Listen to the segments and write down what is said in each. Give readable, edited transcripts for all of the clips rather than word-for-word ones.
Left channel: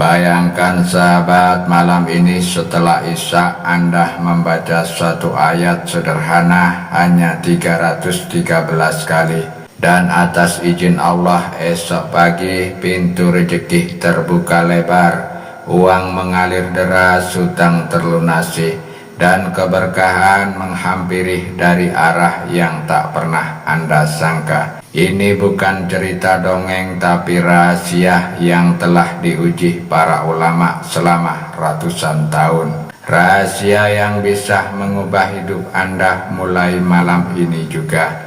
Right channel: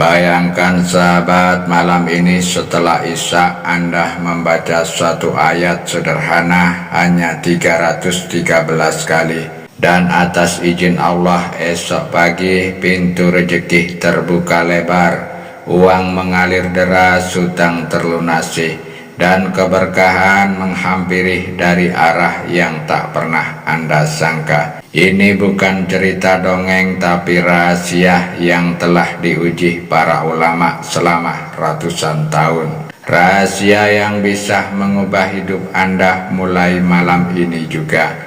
Bayangkan sahabat, malam ini setelah Isya Anda membaca suatu ayat sederhana hanya 313 kali. Dan atas izin Allah esok pagi pintu rezeki terbuka lebar, uang mengalir deras, hutang terlunasi, dan keberkahan menghampiri dari arah yang tak pernah Anda sangka. Ini bukan cerita dongeng tapi rahasia yang telah diuji para ulama selama ratusan tahun. Rahasia yang bisa mengubah hidup Anda mulai malam ini juga.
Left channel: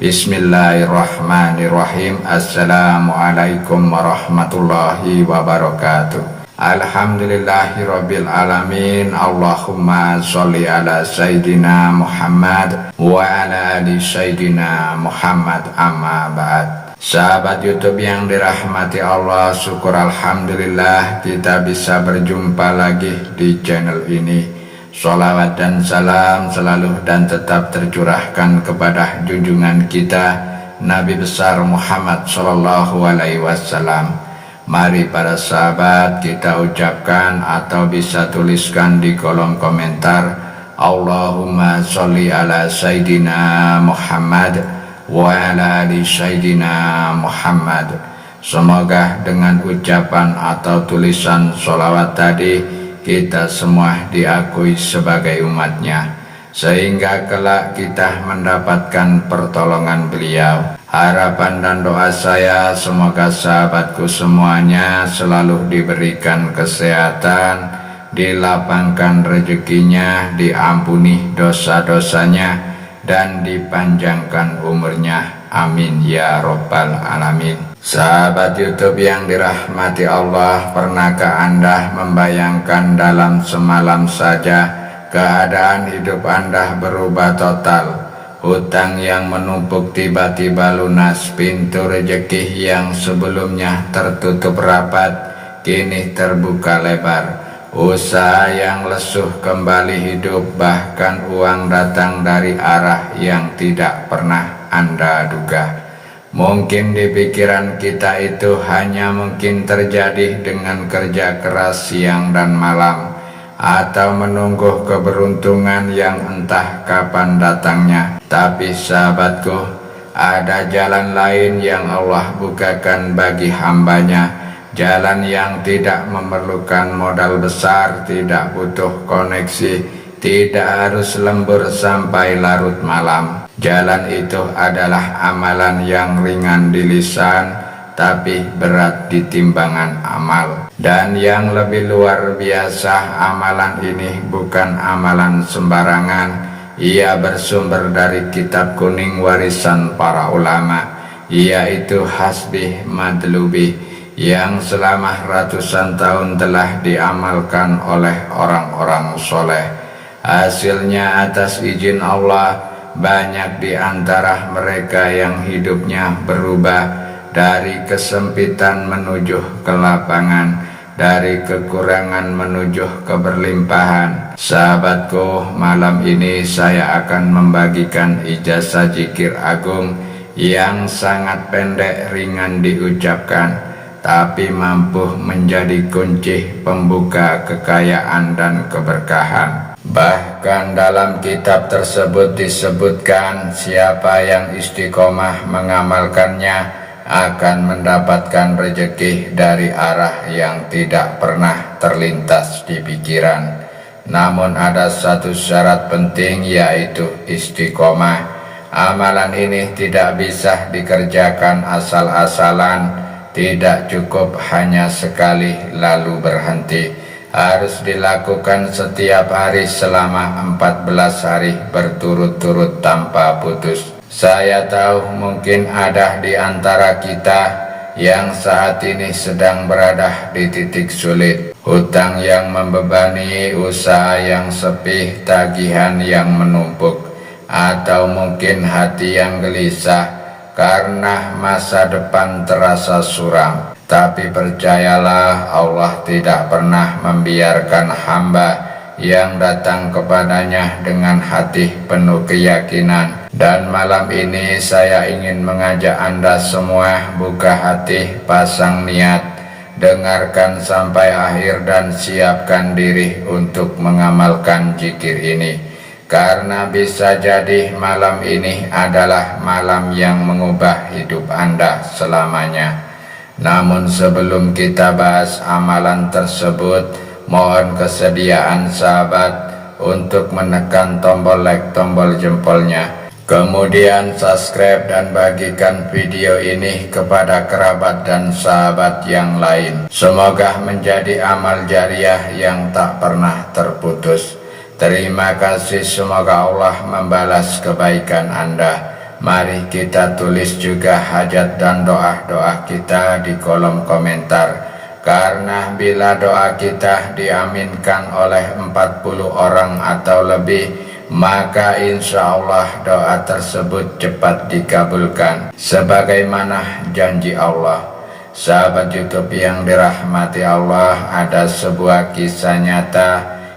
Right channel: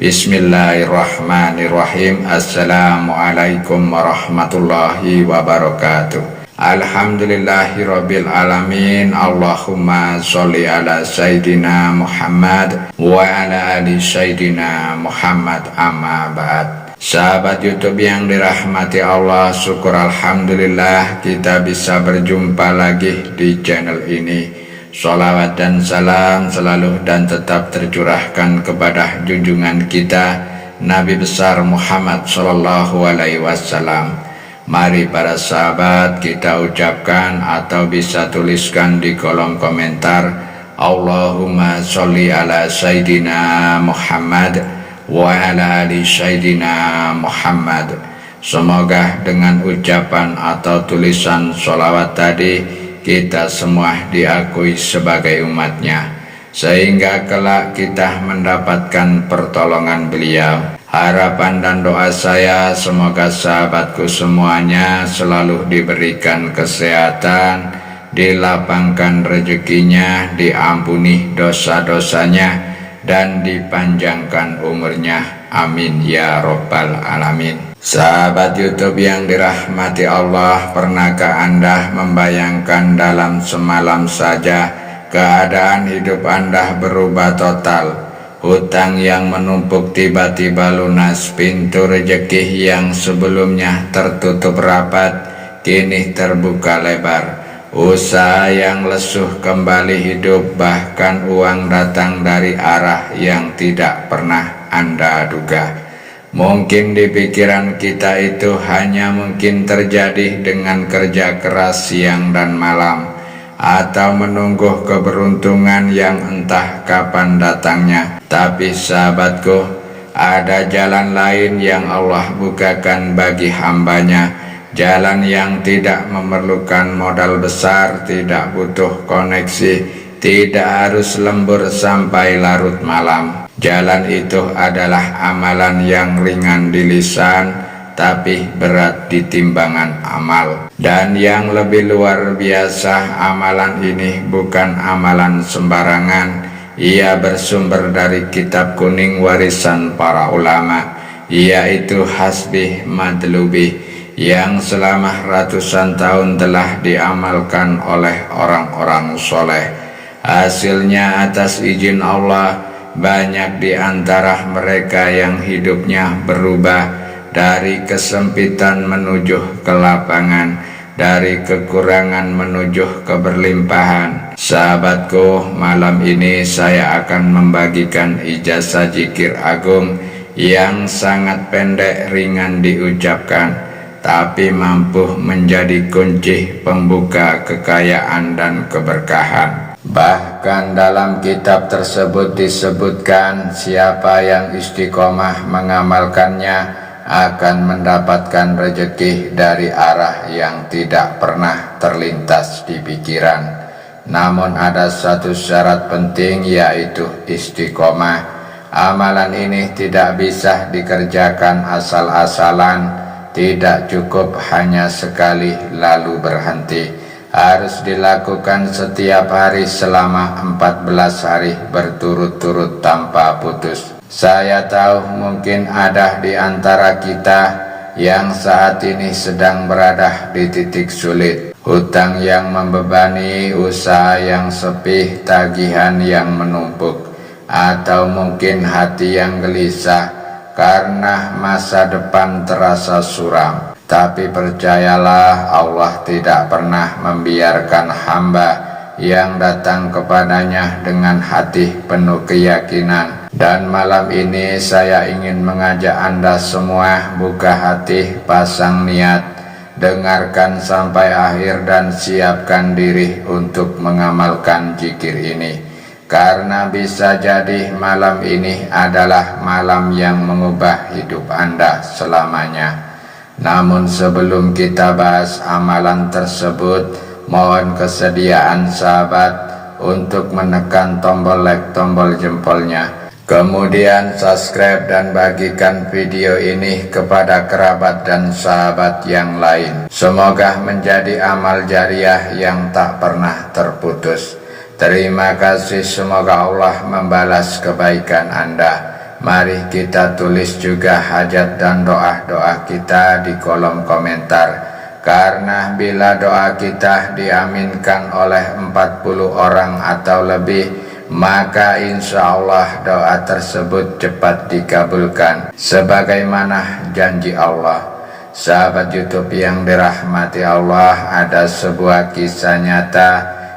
Bismillahirrahmanirrahim. Assalamualaikum warahmatullahi wabarakatuh. Alhamdulillahirabbil alamin. Allahumma sholli ala sayyidina Muhammad wa ala ali sayyidina Muhammad, amma ba'd. Sahabat YouTube yang dirahmati Allah, syukur alhamdulillah kita bisa berjumpa lagi di channel ini. Sholawat dan salam selalu dan tetap tercurahkan kepada junjungan kita Nabi besar Muhammad sallallahu alaihi wasallam. Mari para sahabat kita ucapkan atau bisa tuliskan di kolom komentar, Allahumma sholli ala sayyidina Muhammad wa ala ali sayyidina Muhammad. Semoga dengan ucapan atau tulisan sholawat tadi kita semua diakui sebagai umatnya, sehingga kelak kita mendapatkan pertolongan beliau. Harapan dan doa saya semoga sahabatku semuanya selalu diberikan kesehatan, dilapangkan rezekinya, diampuni dosa-dosanya, dan dipanjangkan umurnya. Amin ya robbal alamin. Sahabat YouTube yang dirahmati Allah, pernahkah Anda membayangkan dalam semalam saja keadaan hidup Anda berubah total? Hutang yang menumpuk tiba-tiba lunas, pintu rezeki yang sebelumnya tertutup rapat kini terbuka lebar, usaha yang lesuh kembali hidup, bahkan uang datang dari arah yang tidak pernah Anda duga. Mungkin di pikiran kita itu hanya mungkin terjadi dengan kerja keras siang dan malam, atau menunggu keberuntungan yang entah kapan datangnya. Tapi sahabatku, ada jalan lain yang Allah bukakan bagi hambanya. Jalan yang tidak memerlukan modal besar, tidak butuh koneksi, tidak harus lembur sampai larut malam. Jalan itu adalah amalan yang ringan di lisan, tapi berat di timbangan amal. Dan yang lebih luar biasa, amalan ini bukan amalan sembarangan. Ia bersumber dari kitab kuning warisan para ulama, yaitu Hasbih Madlubih, yang selama ratusan tahun telah diamalkan oleh orang-orang soleh. Hasilnya atas izin Allah, banyak di antara mereka yang hidupnya berubah dari kesempitan menuju kelapangan, dari kekurangan menuju keberlimpahan. Sahabatku, malam ini saya akan membagikan ijazah zikir agung yang sangat pendek, ringan diucapkan, tapi mampu menjadi kunci pembuka kekayaan dan keberkahan. Bahkan dalam kitab tersebut disebutkan siapa yang istiqomah mengamalkannya akan mendapatkan rezeki dari arah yang tidak pernah terlintas di pikiran. Namun ada satu syarat penting, yaitu istiqomah. Amalan ini tidak bisa dikerjakan asal-asalan, tidak cukup hanya sekali lalu berhenti. Harus dilakukan setiap hari selama 14 hari berturut-turut tanpa putus. Saya tahu mungkin ada di antara kita yang saat ini sedang berada di titik sulit. Hutang yang membebani, usaha yang sepi, tagihan yang menumpuk, atau mungkin hati yang gelisah karena masa depan terasa suram. Tapi percayalah, Allah tidak pernah membiarkan hamba yang datang kepadanya dengan hati penuh keyakinan. Dan malam ini saya ingin mengajak Anda semua buka hati, pasang niat, Dengarkan sampai akhir dan siapkan diri untuk mengamalkan zikir ini, karena bisa jadi malam ini adalah malam yang mengubah hidup Anda selamanya. Namun sebelum kita bahas amalan tersebut, mohon kesediaan sahabat untuk menekan tombol like, tombol jempolnya. Kemudian subscribe dan bagikan video ini kepada kerabat dan sahabat yang lain. Semoga menjadi amal jariah yang tak pernah terputus. Terima kasih, semoga Allah membalas kebaikan Anda. Mari kita tulis juga hajat dan doa-doa kita di kolom komentar. Karena bila doa kita diaminkan oleh 40 orang atau lebih, maka insya Allah doa tersebut cepat dikabulkan sebagaimana janji Allah. Sahabat YouTube yang dirahmati Allah, ada sebuah kisah nyata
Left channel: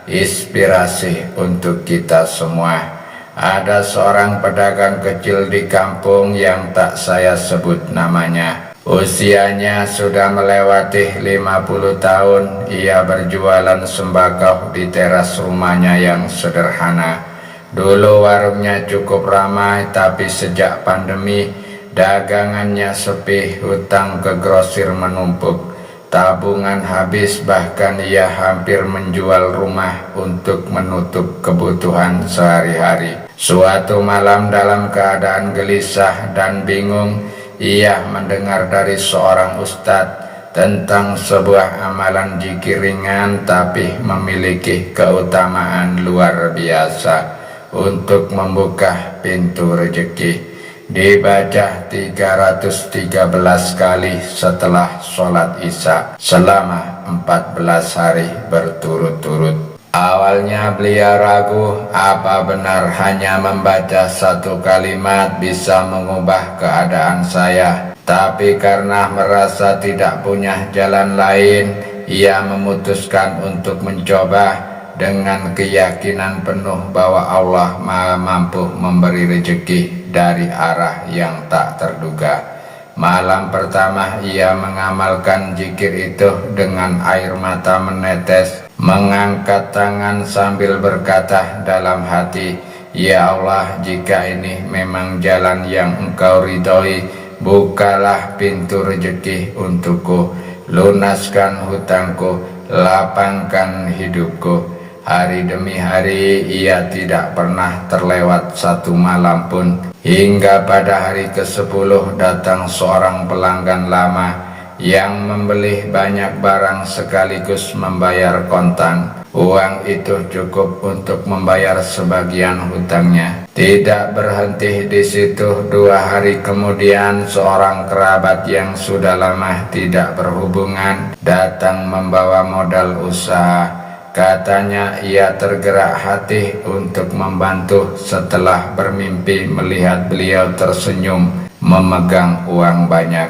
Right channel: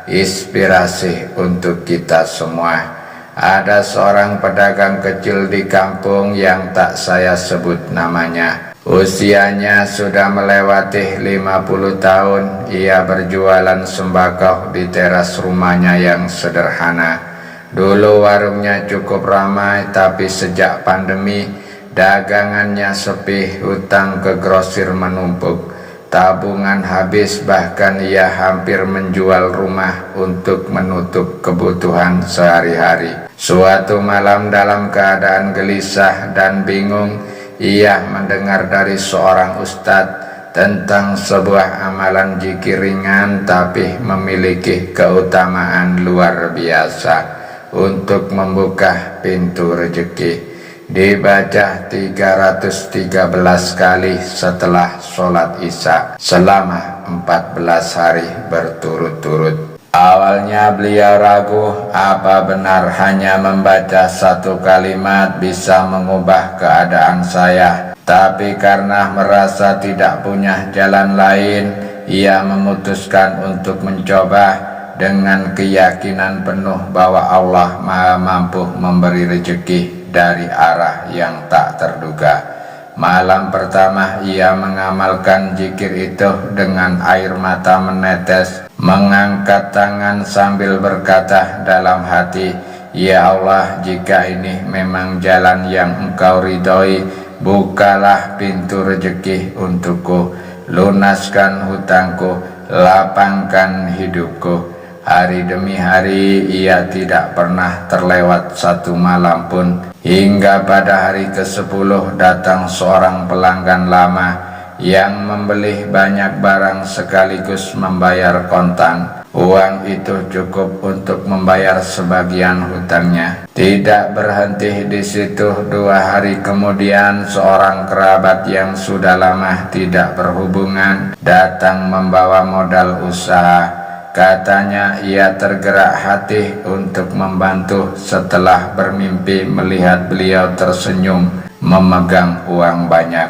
inspirasi untuk kita semua. Ada seorang pedagang kecil di kampung yang tak saya sebut namanya. Usianya sudah melewati 50 tahun. Ia berjualan sembako di teras rumahnya yang sederhana. Dulu warungnya cukup ramai, tapi sejak pandemi dagangannya sepi, hutang ke grosir menumpuk, tabungan habis, bahkan ia hampir menjual rumah untuk menutup kebutuhan sehari-hari. Suatu malam dalam keadaan gelisah dan bingung, ia mendengar dari seorang ustadz tentang sebuah amalan zikir ringan tapi memiliki keutamaan luar biasa untuk membuka pintu rezeki. Dibaca 313 kali setelah sholat isya selama 14 hari berturut-turut. Awalnya beliau ragu, apa benar hanya membaca satu kalimat bisa mengubah keadaan saya? Tapi karena merasa tidak punya jalan lain, ia memutuskan untuk mencoba dengan keyakinan penuh bahwa Allah Maha mampu memberi rezeki dari arah yang tak terduga. Malam pertama ia mengamalkan zikir itu dengan air mata menetes, mengangkat tangan sambil berkata dalam hati, "Ya Allah, jika ini memang jalan yang Engkau ridhoi, bukalah pintu rezeki untukku, lunaskan hutangku, lapangkan hidupku." Hari demi hari ia tidak pernah terlewat satu malam pun, hingga pada hari ke-10 datang seorang pelanggan lama yang membeli banyak barang sekaligus membayar kontan. Uang itu cukup untuk membayar sebagian hutangnya. Tidak berhenti di situ, 2 hari kemudian seorang kerabat yang sudah lama tidak berhubungan datang membawa modal usaha. Katanya ia tergerak hati untuk membantu setelah bermimpi melihat beliau tersenyum memegang uang banyak.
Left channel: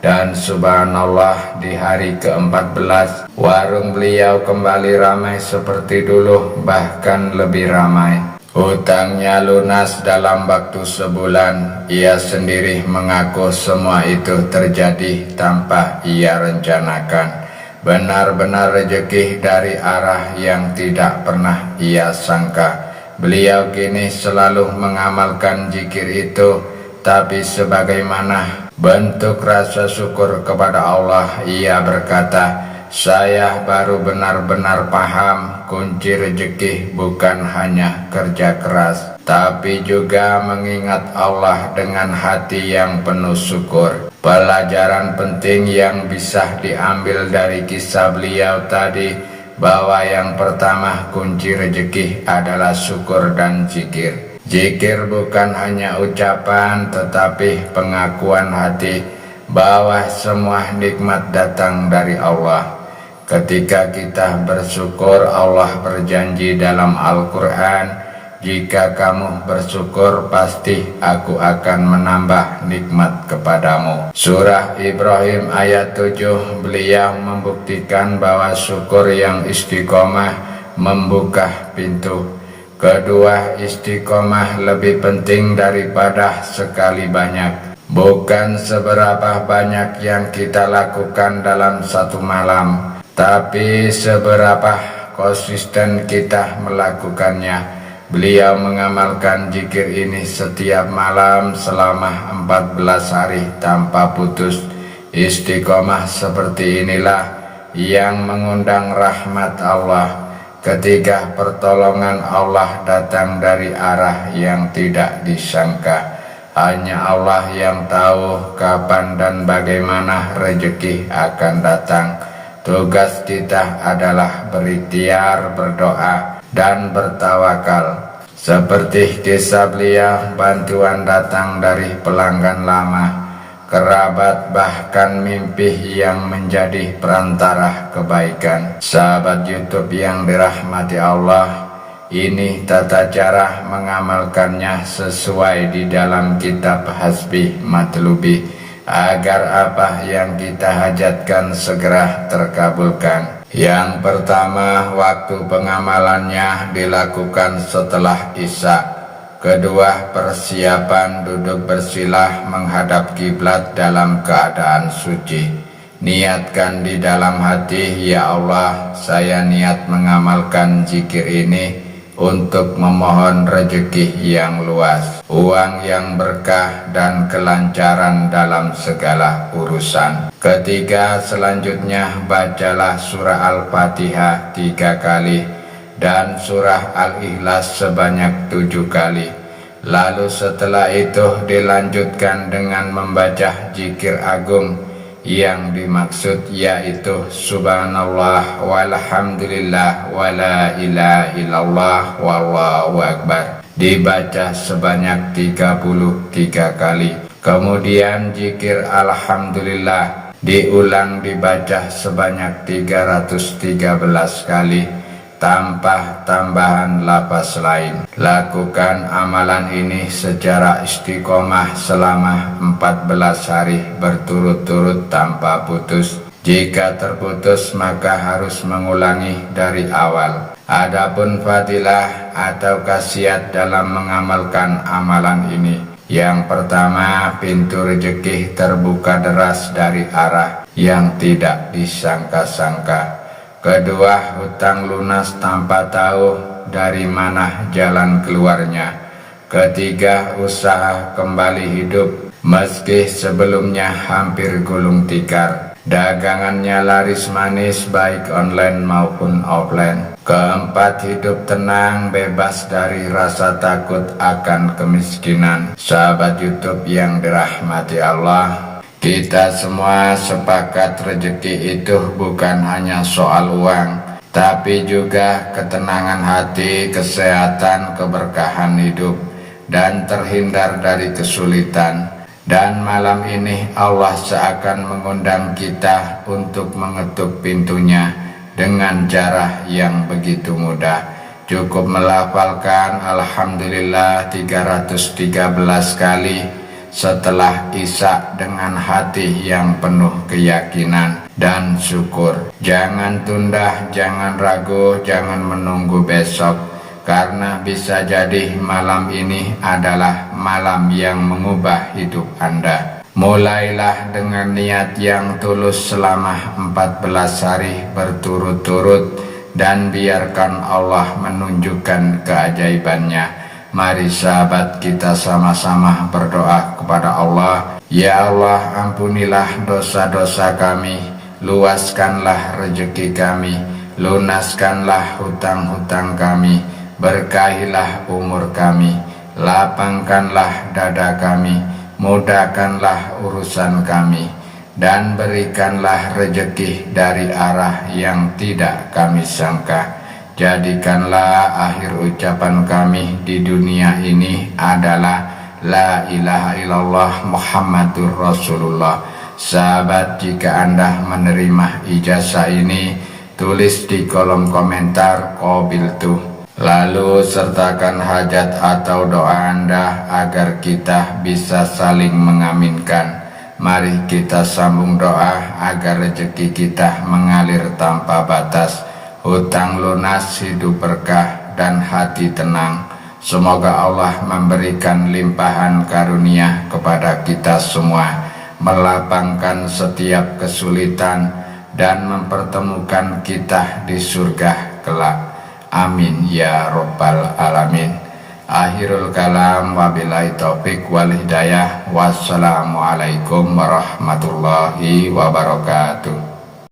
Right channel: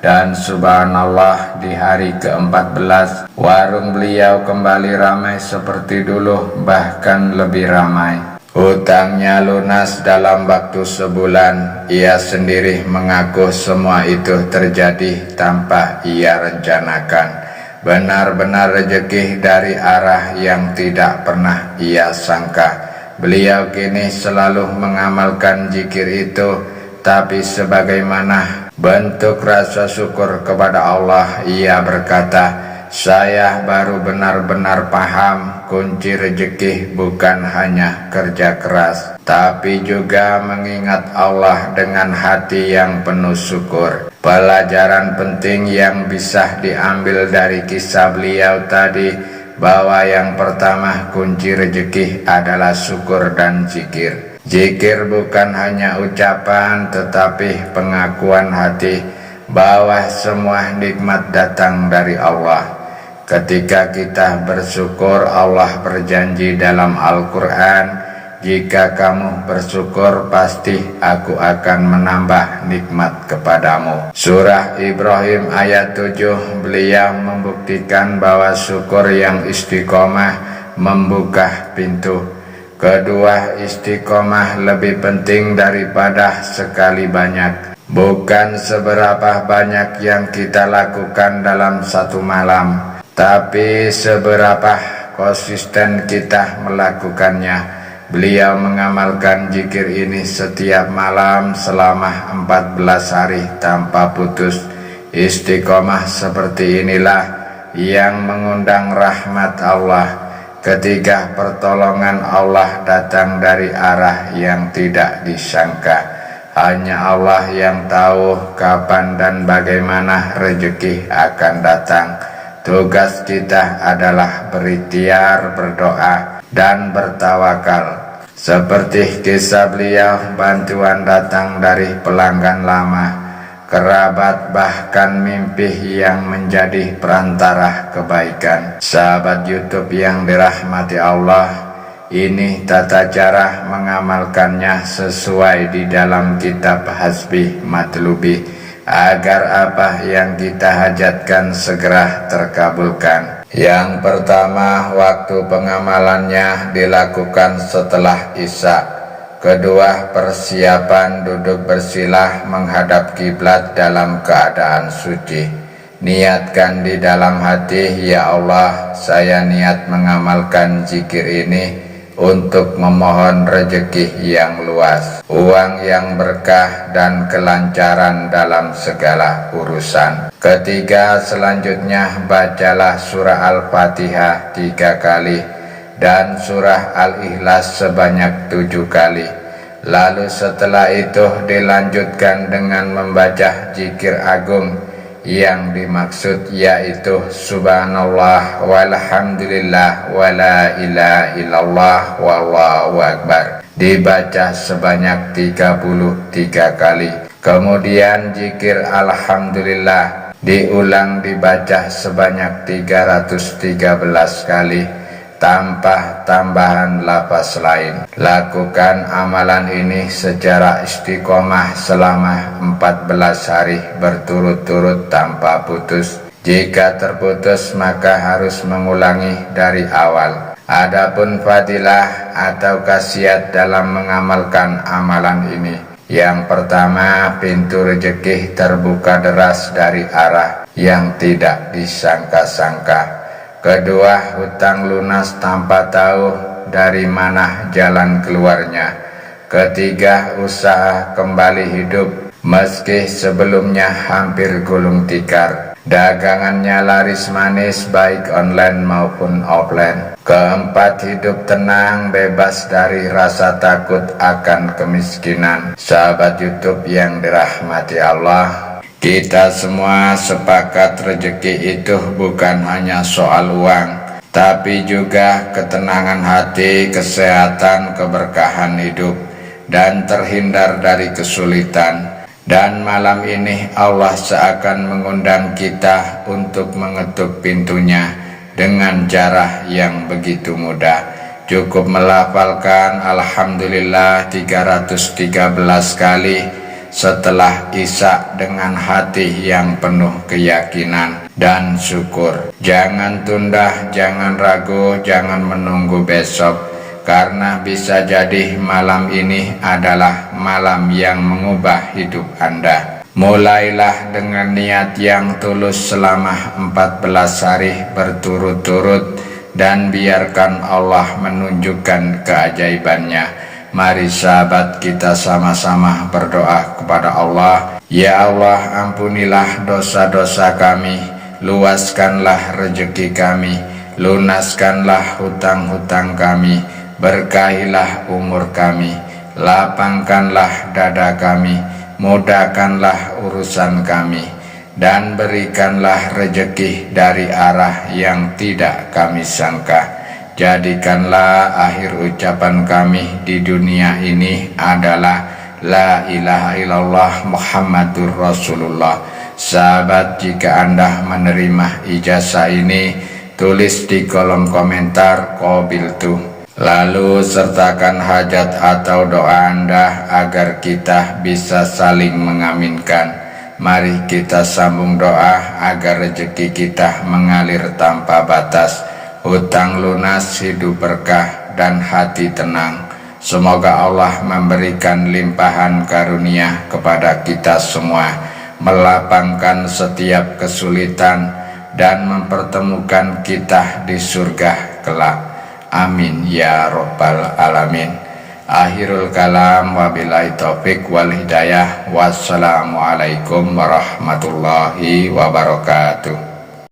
Dan subhanallah, di hari ke-14 warung beliau kembali ramai seperti dulu, bahkan lebih ramai. Hutangnya lunas dalam waktu sebulan. Ia sendiri mengaku semua itu terjadi tanpa ia rencanakan. Benar-benar rezeki dari arah yang tidak pernah ia sangka. Beliau kini selalu mengamalkan zikir itu, tapi sebagaimana bentuk rasa syukur kepada Allah, ia berkata, "Saya baru benar-benar paham kunci rezeki bukan hanya kerja keras, tapi juga mengingat Allah dengan hati yang penuh syukur." Pelajaran penting yang bisa diambil dari kisah beliau tadi, bahwa yang pertama kunci rezeki adalah syukur dan zikir. Zikir bukan hanya ucapan, tetapi pengakuan hati bahwa semua nikmat datang dari Allah. Ketika kita bersyukur, Allah berjanji dalam Al-Quran, "Jika kamu bersyukur, pasti aku akan menambah nikmat kepadamu." Surah Ibrahim ayat 7, beliau membuktikan bahwa syukur yang istiqomah membuka pintu. Kedua, istiqomah lebih penting daripada sekali banyak. Bukan seberapa banyak yang kita lakukan dalam satu malam, tapi seberapa konsisten kita melakukannya. Beliau mengamalkan zikir ini setiap malam selama 14 hari tanpa putus. Istiqomah seperti inilah yang mengundang rahmat Allah. Ketika pertolongan Allah datang dari arah yang tidak disangka. Hanya Allah yang tahu kapan dan bagaimana rezeki akan datang. Tugas kita adalah berikhtiar, berdoa, dan bertawakal. Seperti kisah beliau, bantuan datang dari pelanggan lama, kerabat, bahkan mimpi yang menjadi perantara kebaikan. Sahabat YouTube yang dirahmati Allah, ini tata cara mengamalkannya sesuai di dalam kitab Hasbi Matlubi, agar apa yang kita hajatkan segera terkabulkan. Yang pertama, waktu pengamalannya dilakukan setelah Isya. Kedua, persiapan duduk bersilah menghadap kiblat dalam keadaan suci. Niatkan di dalam hati, ya Allah, saya niat mengamalkan zikir ini untuk memohon rezeki yang luas, uang yang berkah, dan kelancaran dalam segala urusan. Ketiga, selanjutnya bacalah surah Al-Fatihah 3 kali dan surah Al-Ikhlas sebanyak 7 kali. Lalu setelah itu dilanjutkan dengan membaca zikir agung yang dimaksud, yaitu subhanallah walhamdulillah wala ilaha illallah wallahu akbar, dibaca sebanyak 33 kali. Kemudian zikir alhamdulillah diulang dibaca sebanyak 313 kali tanpa tambahan lafaz lain. Lakukan amalan ini secara istiqomah selama 14 hari berturut-turut tanpa putus. Jika terputus maka harus mengulangi dari awal. Adapun fadilah atau khasiat dalam mengamalkan amalan ini, yang pertama, pintu rezeki terbuka deras dari arah yang tidak disangka-sangka. Kedua, hutang lunas tanpa tahu dari mana jalan keluarnya. Ketiga, usaha kembali hidup meski sebelumnya hampir gulung tikar. Dagangannya laris manis baik online maupun offline. Keempat, hidup tenang bebas dari rasa takut akan kemiskinan. Sahabat YouTube yang dirahmati Allah, kita semua sepakat rezeki itu bukan hanya soal uang, tapi juga ketenangan hati, kesehatan, keberkahan hidup, dan terhindar dari kesulitan. Dan malam ini Allah seakan mengundang kita untuk mengetuk pintunya dengan cara yang begitu mudah. Cukup melafalkan Alhamdulillah 313 kali setelah Isya dengan hati yang penuh keyakinan dan syukur. Jangan tunda, jangan ragu, jangan menunggu besok, karena bisa jadi malam ini adalah malam yang mengubah hidup Anda. Mulailah dengan niat yang tulus selama 14 hari berturut-turut dan biarkan Allah menunjukkan keajaibannya. Mari sahabat, kita sama-sama berdoa kepada Allah. Ya Allah, ampunilah dosa-dosa kami, luaskanlah rezeki kami, lunaskanlah hutang-hutang kami, berkahilah umur kami, lapangkanlah dada kami, mudahkanlah urusan kami, dan berikanlah rezeki dari arah yang tidak kami sangka. Jadikanlah akhir ucapan kami di dunia ini adalah La ilaha illallah Muhammadur Rasulullah. Sahabat, jika Anda menerima ijazah ini, tulis di kolom komentar qabiltu. Lalu sertakan hajat atau doa Anda agar kita bisa saling mengaminkan. Mari kita sambung doa agar rezeki kita mengalir tanpa batas, hutang lunas, hidup berkah, dan hati tenang. Semoga Allah memberikan limpahan karunia kepada kita semua, melapangkan setiap kesulitan dan mempertemukan kita di surga kelak. Amin ya rabbal alamin. Akhirul kalam, wabillahi taufik wal hidayah. Wassalamualaikum warahmatullahi wabarakatuh.